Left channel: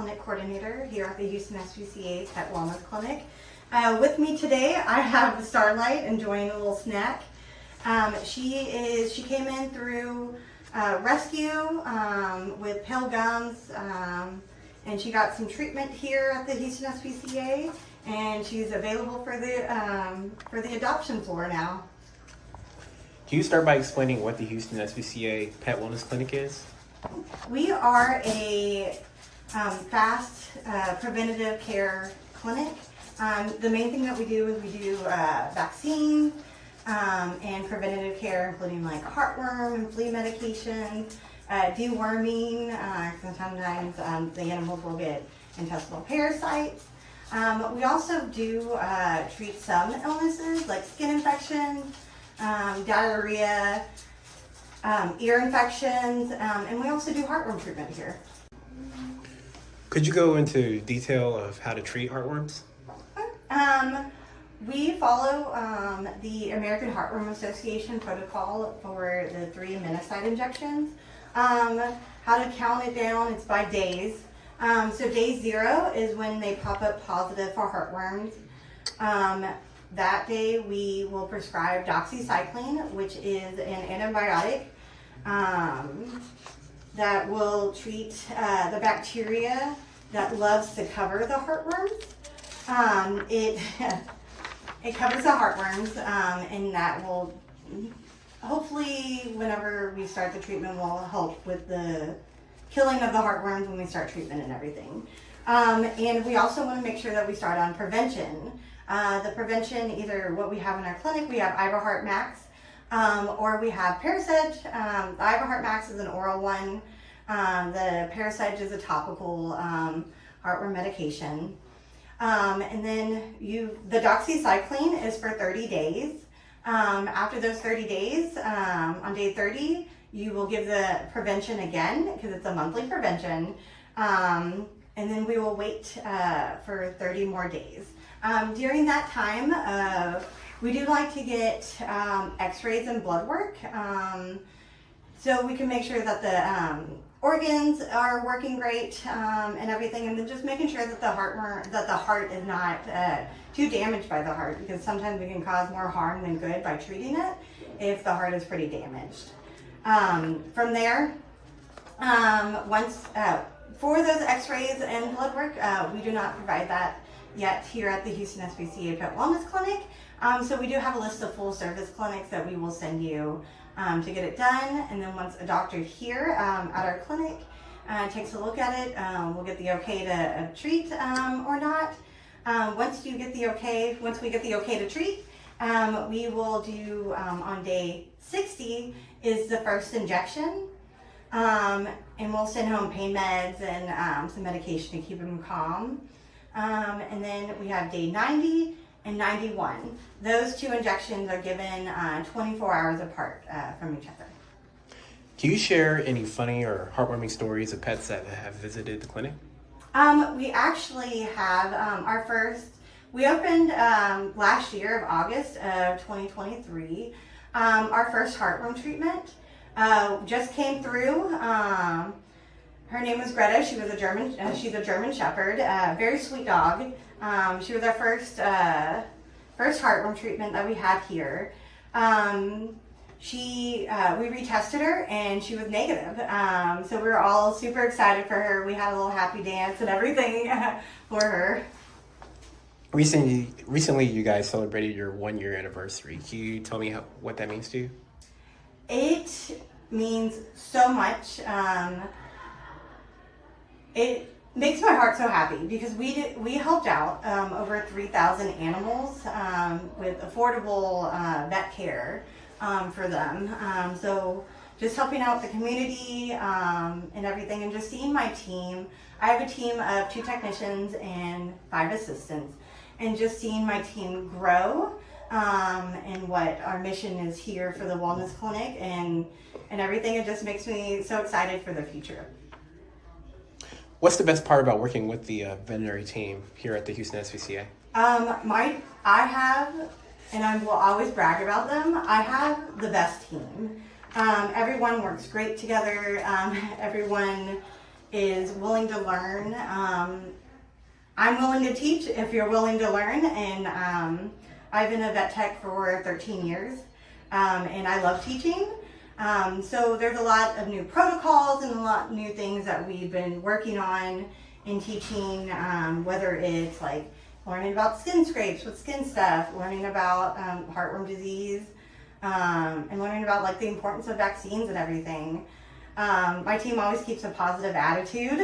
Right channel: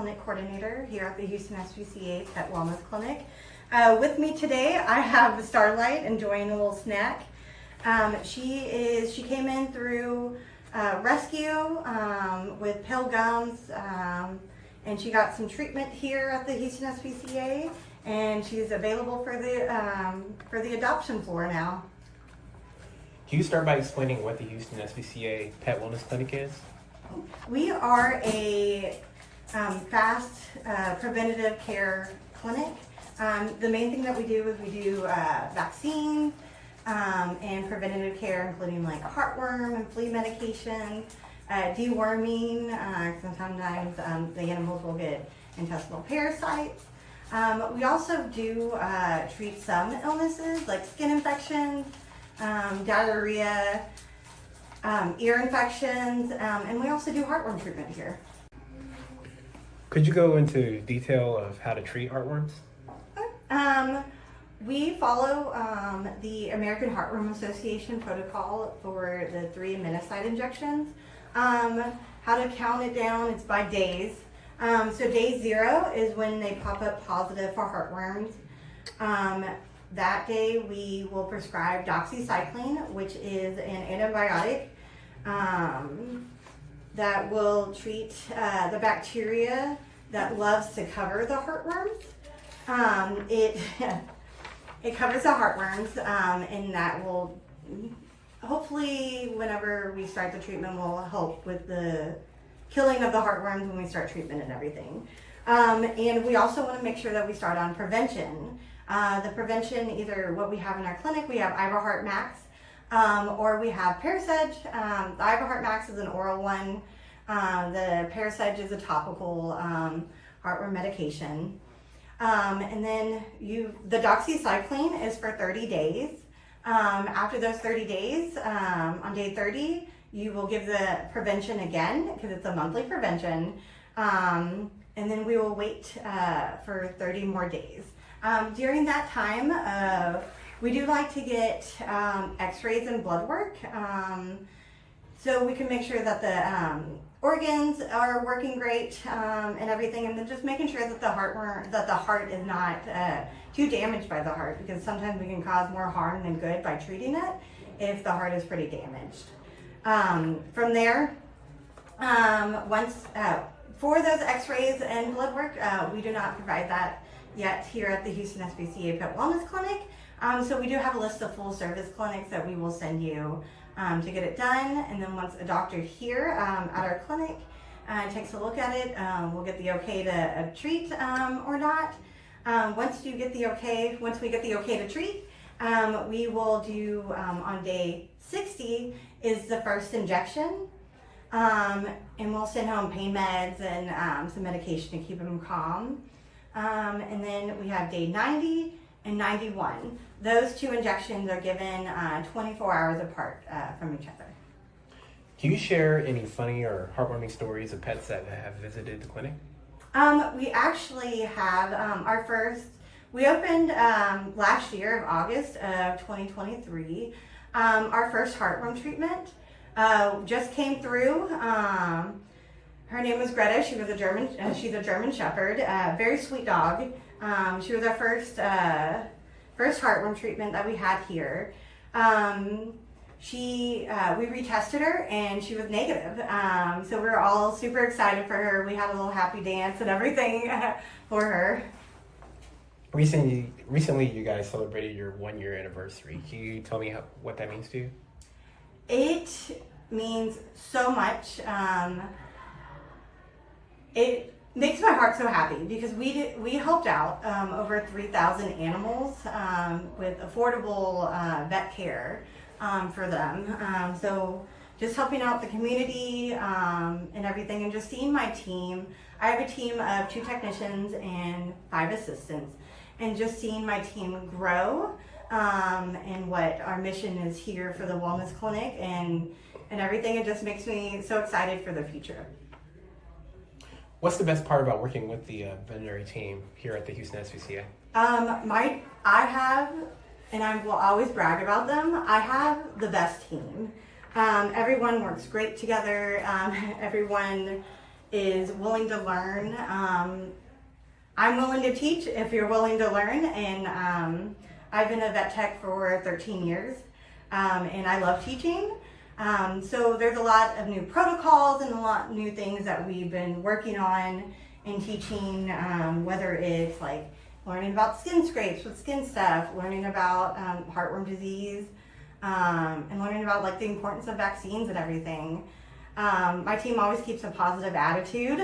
Clinic Coordinator here at the Houston SPCA Pet Wellness Clinic. With me today, I have Starlight enjoying a little snack. She came in through rescue with pale gums, and she got some treatment here at the Houston SPCA, and she's available for the adoption floor now. Can you start by explaining what the Houston SPCA Pet Wellness Clinic is? We are a fast preventative care clinic. The main thing that we do is we do vaccines and preventative care, including like heartworm and flea medication, deworming. Sometimes the animals will get intestinal parasites. We also do treat some illnesses like skin infections, diarrhea, ear infections, and we also do heartworm treatment here. Could you go into detail of how to treat heartworms? We follow the American Heartworm Association protocol for the 3 aminocyte injections. How to count it down, it's by days. So day 0 is when they pop up positive for heartworms. That day we will prescribe doxycycline, which is an antibiotic that will treat the bacteria that loves to cover the heartworms. It covers the heartworms, and that will hopefully, whenever we start the treatment, will help with the killing of the heartworms when we start treatment and everything. And we also want to make sure that we start on prevention. The prevention, either what we have in our clinic, we have Iberheart Max, or we have Parasege. The Iberheart Max is an oral one. The Parasege is a topical heartworm medication. And then the doxycycline is for 30 days. After those 30 days, on day 30, you will give the prevention again, because it's a monthly prevention. And then we will wait for 30 more days. During that time, we do like to get x-rays and blood work, so we can make sure that the organs are working great and everything, and then just making sure that the heart is not too damaged by the heart, because sometimes we can cause more harm than good by treating it if the heart is pretty damaged. From there, for those x-rays and blood work, we do not provide that yet here at the Houston SPCA Pet Wellness Clinic. So we do have a list of full service clinics that we will send you to get it done. And then once a doctor here at our clinic takes a look at it, we'll get the okay to treat or not. Once we get the okay to treat, we will do on day 60 is the first injection. And we'll send home pain meds and some medication to keep them calm. And then we have day 90 and 91. Those 2 injections are given 24 hours apart from each other. Can you share any funny or heartwarming stories of pets that have visited the clinic? We actually have we opened last year of August of 2023. Our first heartworm treatment just came through. Her name was Greta. She was she's a German Shepherd, very sweet dog. She was our first heartworm treatment that we had here. We retested her and she was negative. So we were all super excited for her. We had a little happy dance and everything for her. Recently you guys celebrated your 1-year anniversary. Can you tell me what that means to you? It means so much. It makes my heart so happy because we helped out over 3,000 animals with affordable vet care for them. So just helping out the community and everything, and just seeing my team. I have a team of 2 technicians and 5 assistants, and just seeing my team grow and what our mission is here for the wellness clinic and everything, it just makes me so excited for the future. What's the best part about working with the veterinary team here at the Houston SPCA? I have, and I will always brag about them, I have the best team. Everyone works great together. Everyone is willing to learn. I'm willing to teach if you're willing to learn, and I've been a vet tech for 13 years, and I love teaching. So there's a lot of new protocols and a lot of new things that we've been working on in teaching, whether it's like learning about skin scrapes with skin stuff, learning about heartworm disease, and learning about like the importance of vaccines and everything. My team always keeps a positive attitude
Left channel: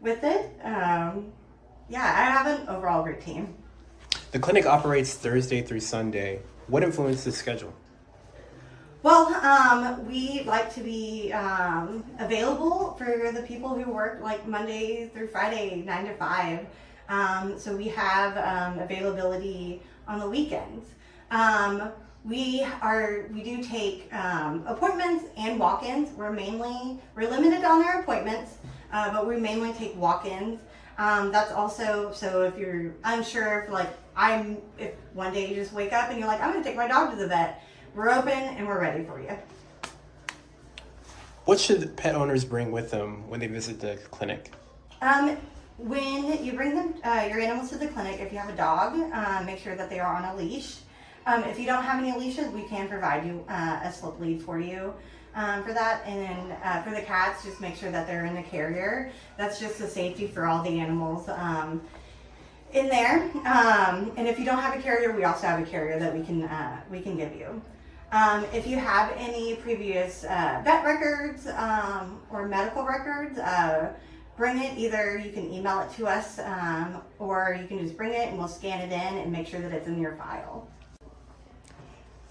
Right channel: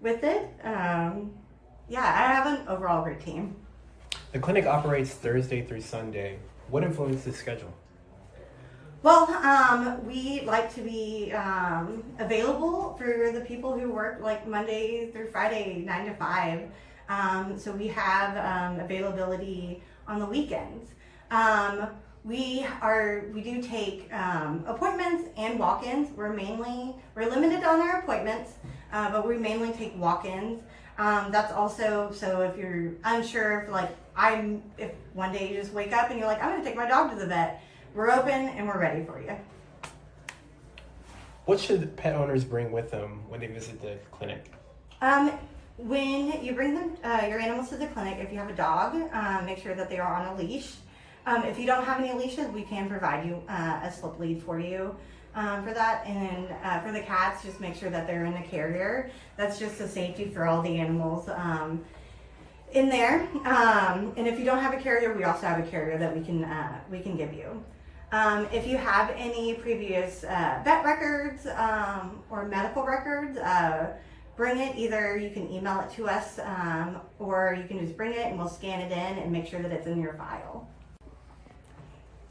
with it. Yeah, I have an overall great team. The clinic operates Thursday through Sunday. What influenced the schedule? Well, we like to be available for the people who work like Monday through Friday, 9 to 5. So we have availability on the weekends. We do take appointments and walk-ins. We're limited on our appointments, but we mainly take walk-ins. That's also, so if you're unsure, if one day you just wake up and you're like, I'm gonna take my dog to the vet, we're open and we're ready for you. What should pet owners bring with them when they visit the clinic? When you bring them, your animals to the clinic, if you have a dog, make sure that they are on a leash. If you don't have any leashes, we can provide you a slip lead for you for that. And then for the cats, just make sure that they're in the carrier. That's just a safety for all the animals in there. And if you don't have a carrier, we also have a carrier that we can give you. If you have any previous vet records or medical records, bring it. Either you can email it to us or you can just bring it and we'll scan it in and make sure that it's in your file.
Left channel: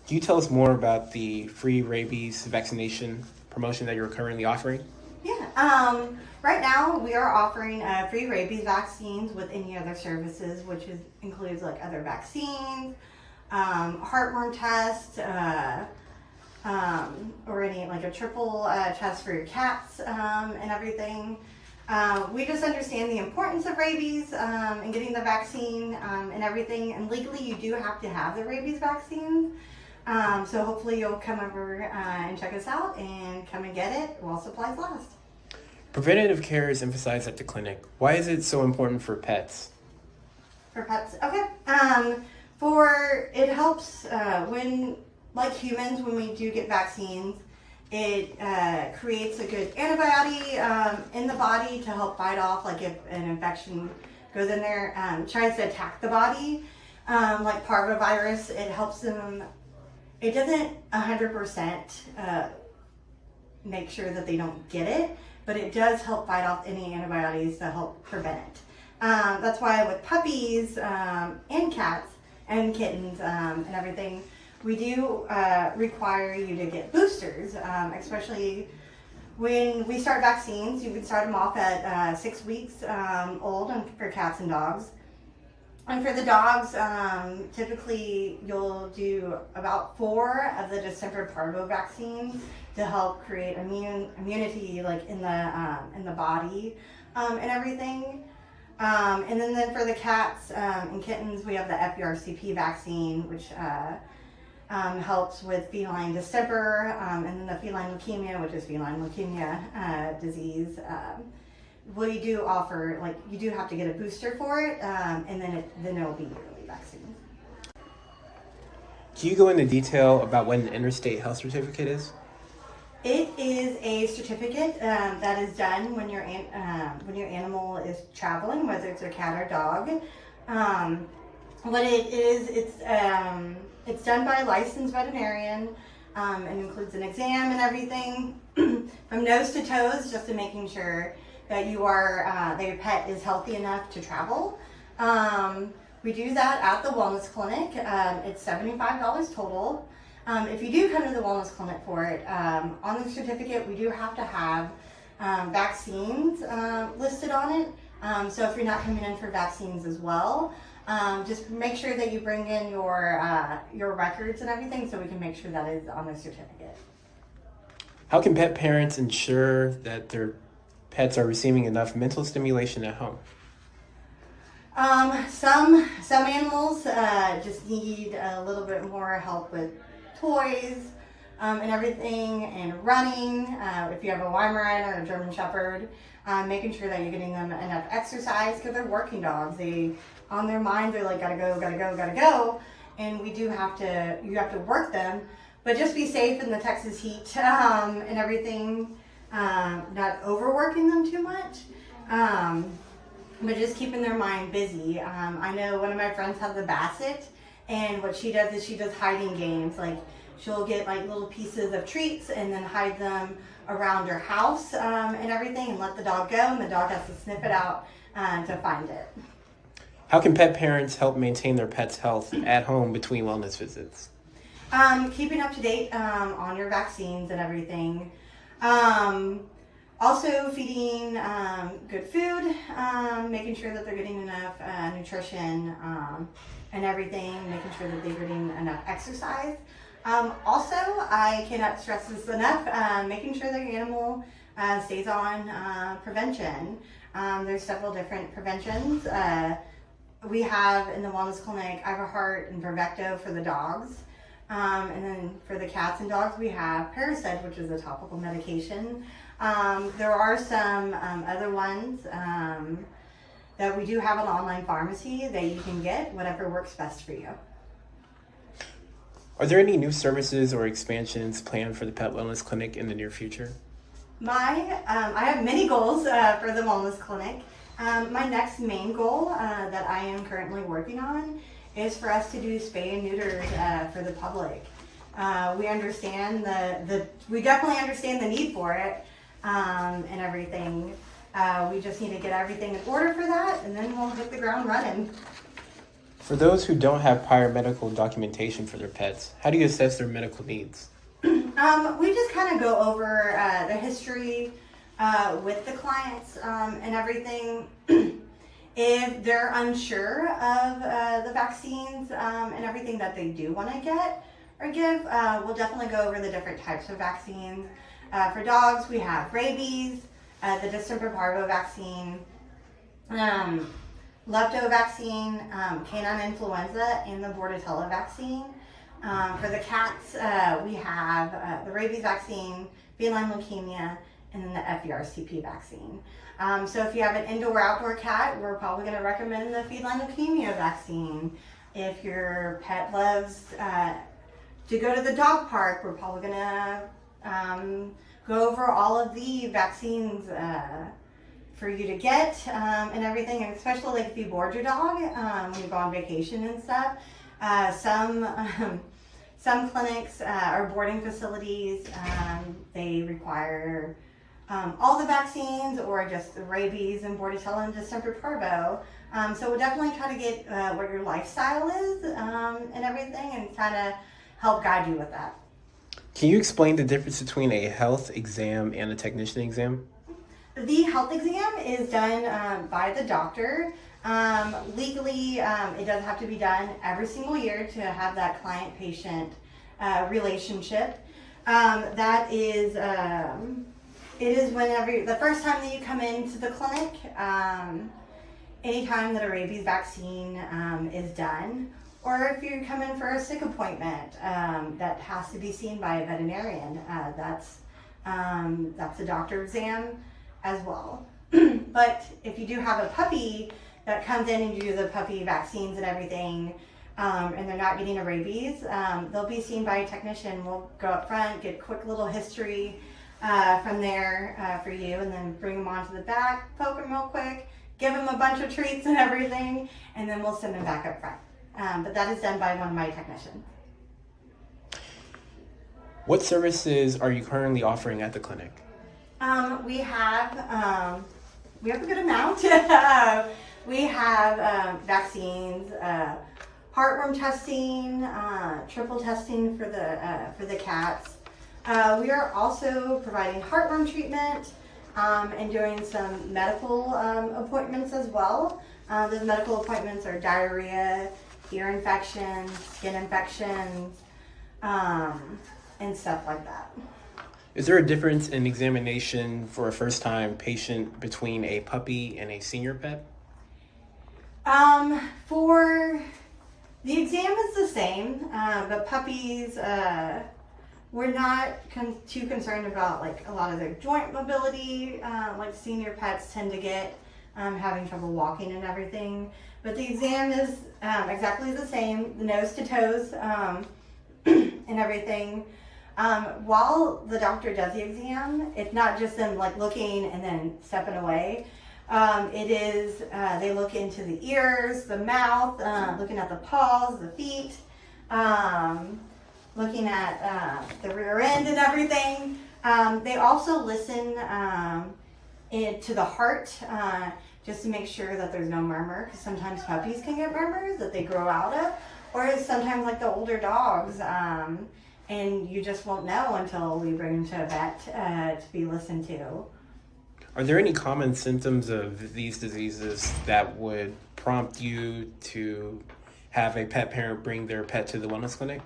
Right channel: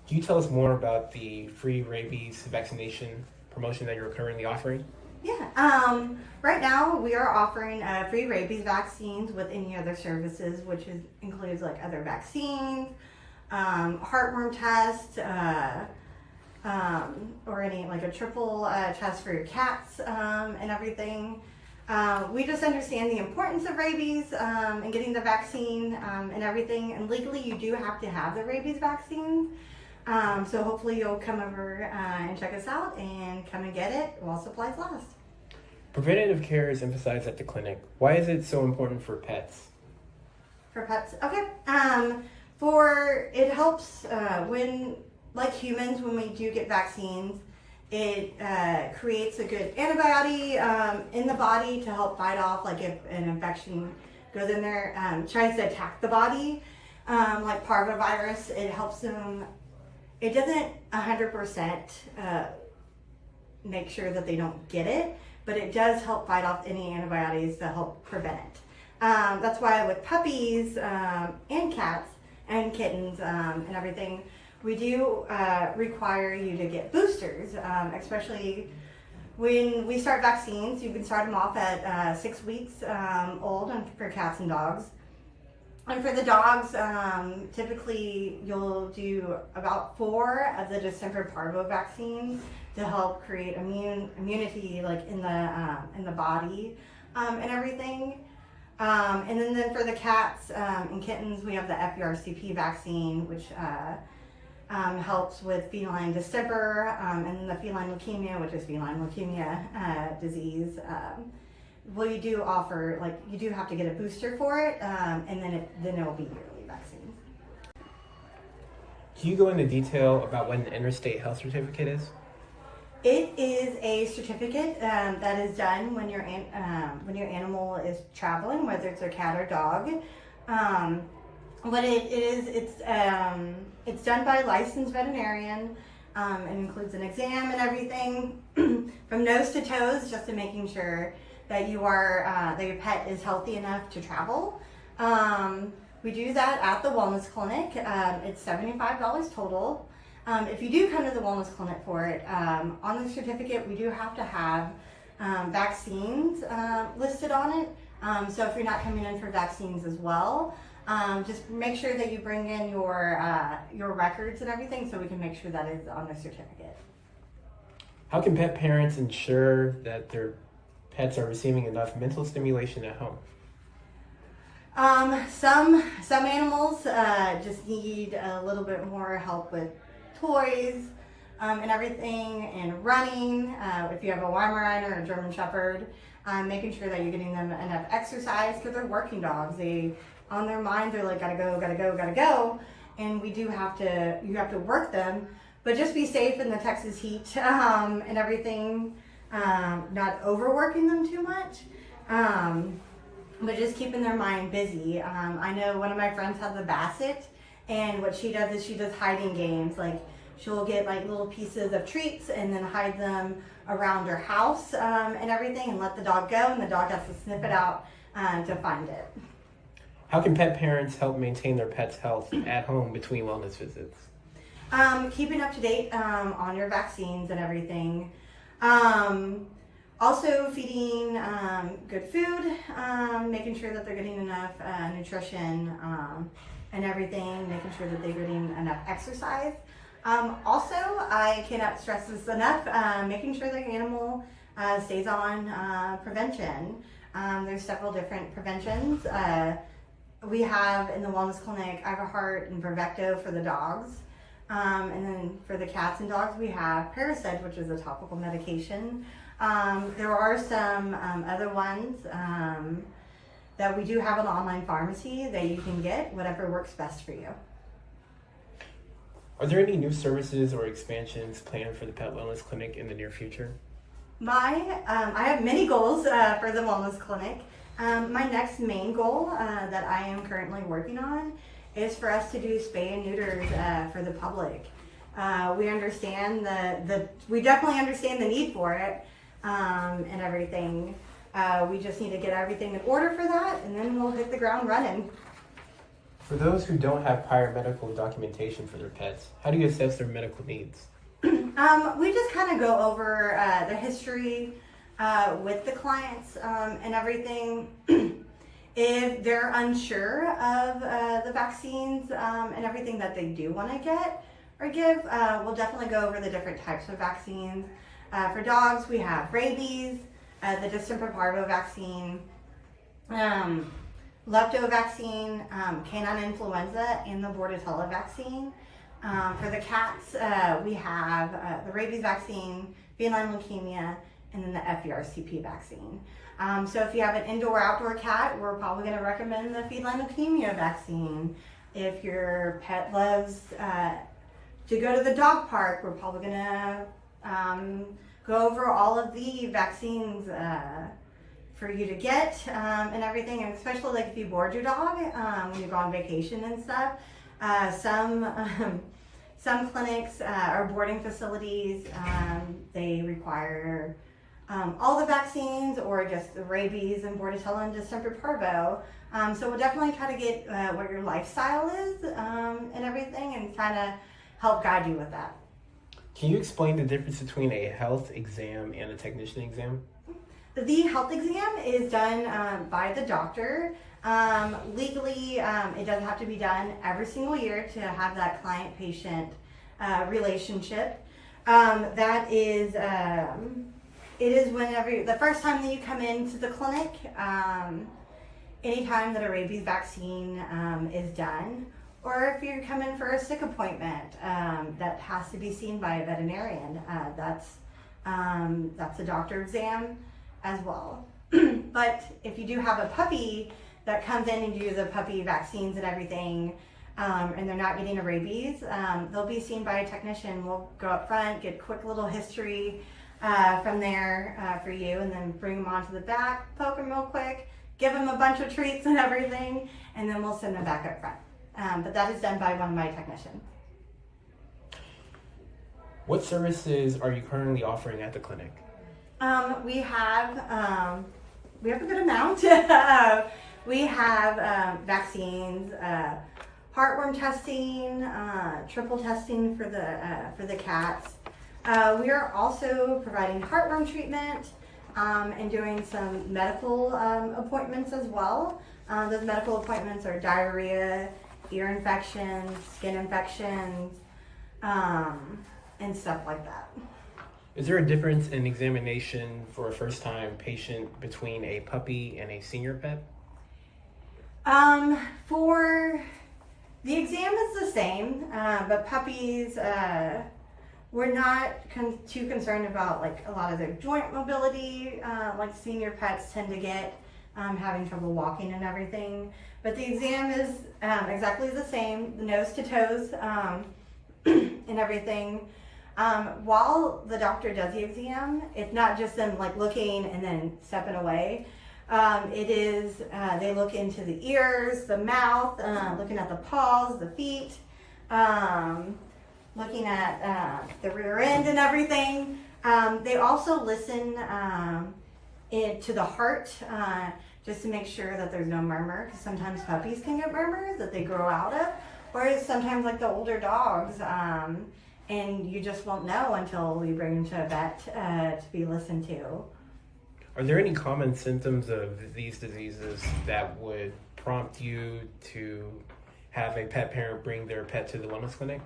Can you tell us more about the free rabies vaccination promotion that you're currently offering? Yeah, right now we are offering free rabies vaccines with any other services, which includes like other vaccines, heartworm tests, or any like a triple test for your cats and everything. We just understand the importance of rabies and getting the vaccine and everything. And legally, you do have to have the rabies vaccine. So hopefully you'll come over and check us out and come and get it while supplies last. Preventative care is emphasized at the clinic. Why is it so important for pets? For pets, okay. It helps when, like humans, when we do get vaccines, it creates a good antibody in the body to help fight off, like if an infection goes in there, tries to attack the body, like parvovirus, it helps them. It doesn't 100% make sure that they don't get it, but it does help fight off any antibiotics to help prevent it. That's why with puppies and cats and kittens and everything, we do require you to get boosters, especially when we start vaccines. You can start them off at 6 weeks old for cats and dogs. And for the dogs, typically you'll do about 4 of the December parvo vaccines to help create immunity, like in the body and everything. And then for the cats and kittens, we have the FERCP vaccine, which helps with feline distemper, and then the feline leukemia, which is feline leukemia disease. We do offer, like, you do have to get a booster for it, and then it will be yearly vaccines. Can you go into detail about what an Interstate health certificate is? It is a certificate that is done when your animal is traveling, whether it's a cat or dog. What it is, it's done by a licensed veterinarian. It includes an exam and everything from nose to toes, just to making sure that that your pet is healthy enough to travel. We do that at the wellness clinic. It's $75 total. If you do come to the wellness clinic for it, on the certificate we do have to have vaccines listed on it. So if you're not coming in for vaccines as well, just make sure that you bring in your records and everything so we can make sure that is on the certificate. How can pet parents ensure that their pets are receiving enough mental stimulation at home? Some animals just need a little bit more help with toys, and everything, and running. If you have a Weimaraner or a German Shepherd, making sure that you're getting them enough exercise, because they're working dogs. On their mind, they're like, gotta go, gotta go, gotta go. And you have to work them, but just be safe in the Texas heat, and everything, not overworking them too much. But just keeping their mind busy. I know one of my friends has a Basset, and what she does is she does hiding games. Like, she'll get like little pieces of treats and then hide them around her house, and everything, and let the dog go, and the dog has to sniff it out to find it. How can pet parents help maintain their pet's health at home between wellness visits? Keeping up to date on your vaccines and everything. Also feeding good food, making sure that they're getting enough nutrition and everything, making sure that they're getting enough exercise. Also, I cannot stress this enough, making sure that your animal stays on prevention. There's several different preventions. We have in the wellness clinic Iverheart and Vervecto for the dogs. And then for the cats and dogs, we have Parasite, which is a topical medication. There are some other ones that we do have an online pharmacy that you can get, whatever works best for you. Are there any new services or expansions planned for the Pet Wellness Clinic in the near future? I have many goals for the wellness clinic. My next main goal that I am currently working on is for us to do spay and neuters for the public. We understand we definitely understand the need for it and everything. We just need to get everything in order for that, and then we'll hit the ground running. For those who don't have prior medical documentation for their pets, how do you assess their medical needs? We just kind of go over the history with the clients and everything. If they're unsure of the vaccines and everything that they do want to get or give, we'll definitely go over the different types of vaccines. For dogs, we have rabies, the distemper parvo vaccine, lepto vaccine, canine influenza, and the bordetella vaccine. For the cats, we have the rabies vaccine, feline leukemia, and then the FERCP vaccine. So if you have an indoor outdoor cat, we're probably going to recommend the feline leukemia vaccine. If your pet loves to go to the dog park, we're probably going to go over all of the vaccines for you to get and everything, and especially like if you board your dog when you go on vacation and stuff. Some clinics or boarding facilities, they require all the vaccines or just the rabies and bordetella and distemper parvo. So we'll definitely try to get what your lifestyle is and everything, and kind of help guide you with that. Can you explain the difference between a health exam and a technician exam? The health exam is done by the doctor. Legally, it does have to be done every single year to have that client-patient relationship. That is, it is whenever, the first time that you come into the clinic, anytime that a rabies vaccine is done, or if you come in for a sick appointment that has to be seen by a veterinarian, that's a doctor exam as well. But if you do have a puppy that comes in and you do the puppy vaccines and everything, and they're not getting a rabies, they'll be seen by a technician. We'll go up front, get a quick little history from there for you, and then bring them onto the back, poke them real quick, give them a bunch of treats and everything, and then we'll send them back up front. But that is done by one of my technicians. What services are you currently offering at the clinic? We have a good amount. We have vaccines, heartworm testing, triple testing for the cats. We are also providing heartworm treatment and doing some medical appointments as well. Those medical appointments are diarrhea, ear infections, skin infections, and stuff like that. Is there a difference in examination for a first-time patient between a puppy and a senior pet? For the exam is the same, but puppies, we're not too concerned about like a lot of their joint mobility, like senior pets tend to get having trouble walking and everything. But the exam is exactly the same, the nose to toes and everything. While the doctor does the exam, it's not just them like looking and then stepping away. It is, they look into the ears, the mouth, looking at the paws, the feet, looking at the rear end and everything. They also listen to the heart, just to make sure that there's no murmur, because sometimes puppies can get murmurs that they grow out of, or sometimes like the older dogs, and you just won't know until you bring them to a vet to be listened to. Are there any common symptoms of these diseases that would prompt you to have a pet parent bring their pet to the wellness clinic?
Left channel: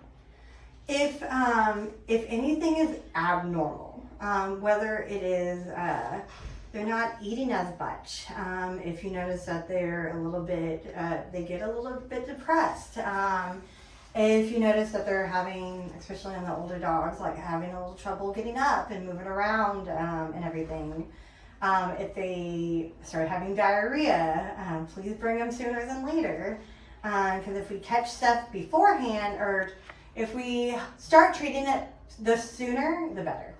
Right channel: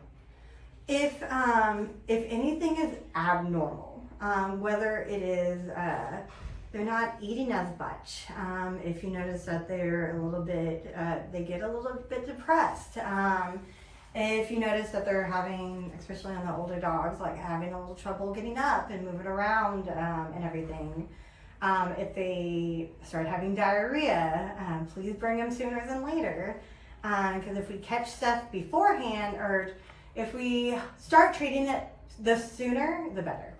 If anything is abnormal, whether it is they're not eating as much, if you notice that they're a little bit, they get a little bit depressed, if you notice that they're having, especially on the older dogs, like having a little trouble getting up and moving around and everything. If they start having diarrhea, please bring them sooner than later. Because if we catch stuff beforehand, or if we start treating it the sooner, the better.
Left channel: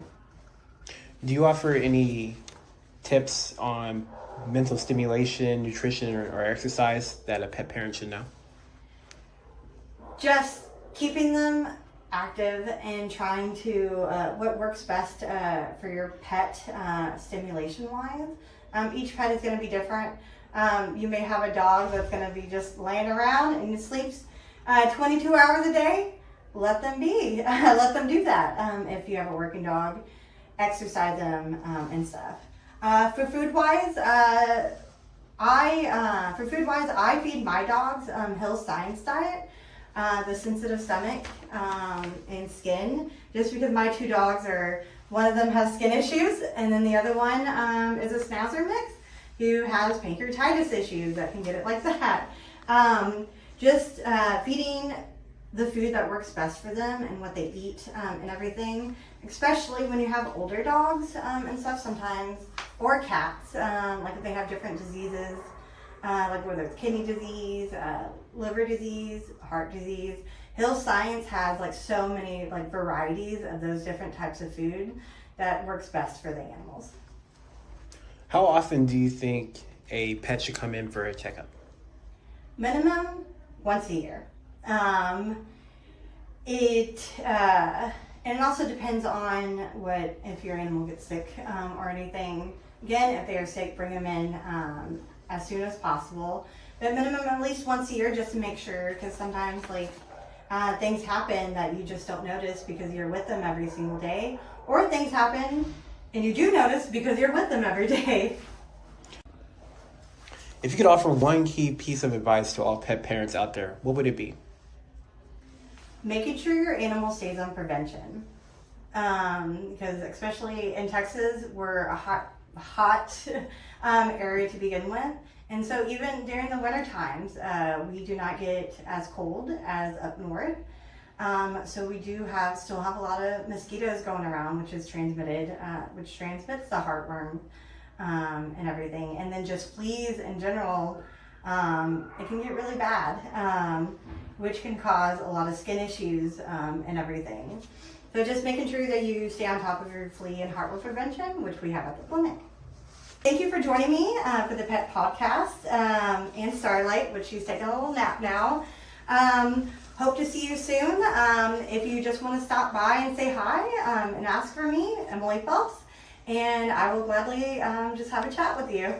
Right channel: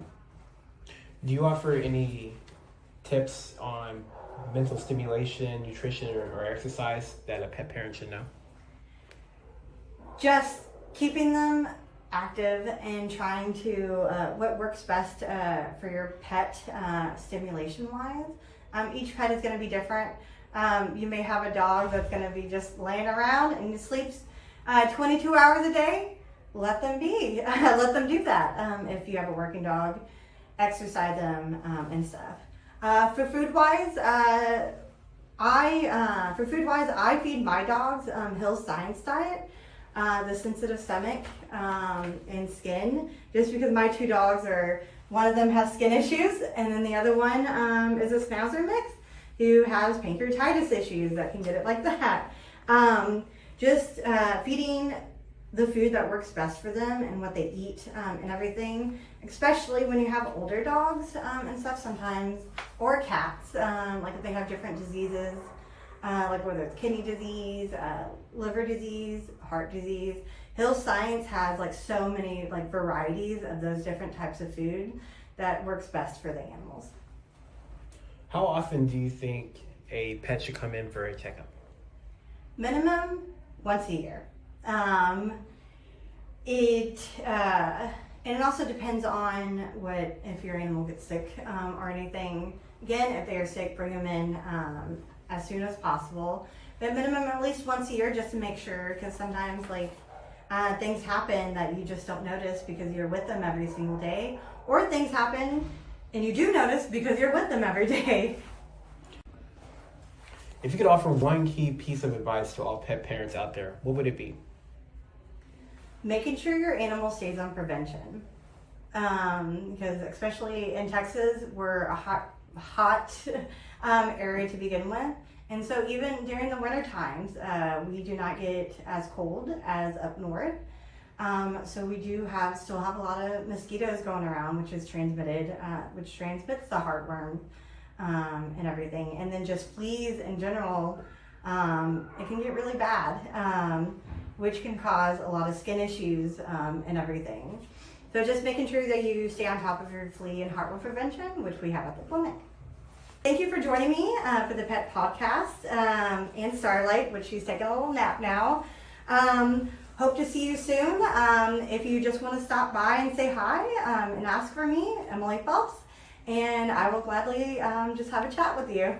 Do you offer any tips on mental stimulation, nutrition, or exercise that a pet parent should know? Just keeping them active and trying to, what works best for your pet stimulation wise. Each pet is going to be different. You may have a dog that's going to be just laying around and sleeps 22 hours a day. Let them be. Let them do that. If you have a working dog, exercise them and stuff. For food wise, I feed my dogs Hill's Science Diet. The sensitive stomach and skin, just because my two dogs one of them has skin issues, and then the other one is a schnauzer mix who has pancreatitis issues that can get it like that. Just feeding the food that works best for them and what they eat and everything, especially when you have older dogs and stuff sometimes, or cats, like if they have different diseases. Like whether it's kidney disease, liver disease, heart disease. Hill's Science has like so many like varieties of those different types of food that works best for the animals. How often do you think a pet should come in for a checkup? Minimum once a year. And it also depends on if your animal gets sick or anything. Again, if they are sick, bring them in as soon as possible, but minimum at least once a year, just to make sure, because sometimes like things happen that you just don't notice because you're with them every single day, or things happen and you do notice because you're with them every day. If you could offer one key piece of advice to all pet parents out there, what would it be? Making sure your animal stays on prevention, because especially in Texas, we're a hot area to begin with, and so even during the winter times we do not get as cold as up north, so we do still have a lot of mosquitoes going around, which transmits the heartworm and everything, and then just fleas in general. It can get really bad, which can cause a lot of skin issues and everything. So just making sure that you stay on top of your flea and heartworm prevention, which we have at the clinic. Thank you for joining me for the Pet Pawcast and Starlight, which she's taking a little nap now. Hope to see you soon. If you just want to stop by and say hi and ask for me, Emily Phelps, and I will gladly just have a chat with you.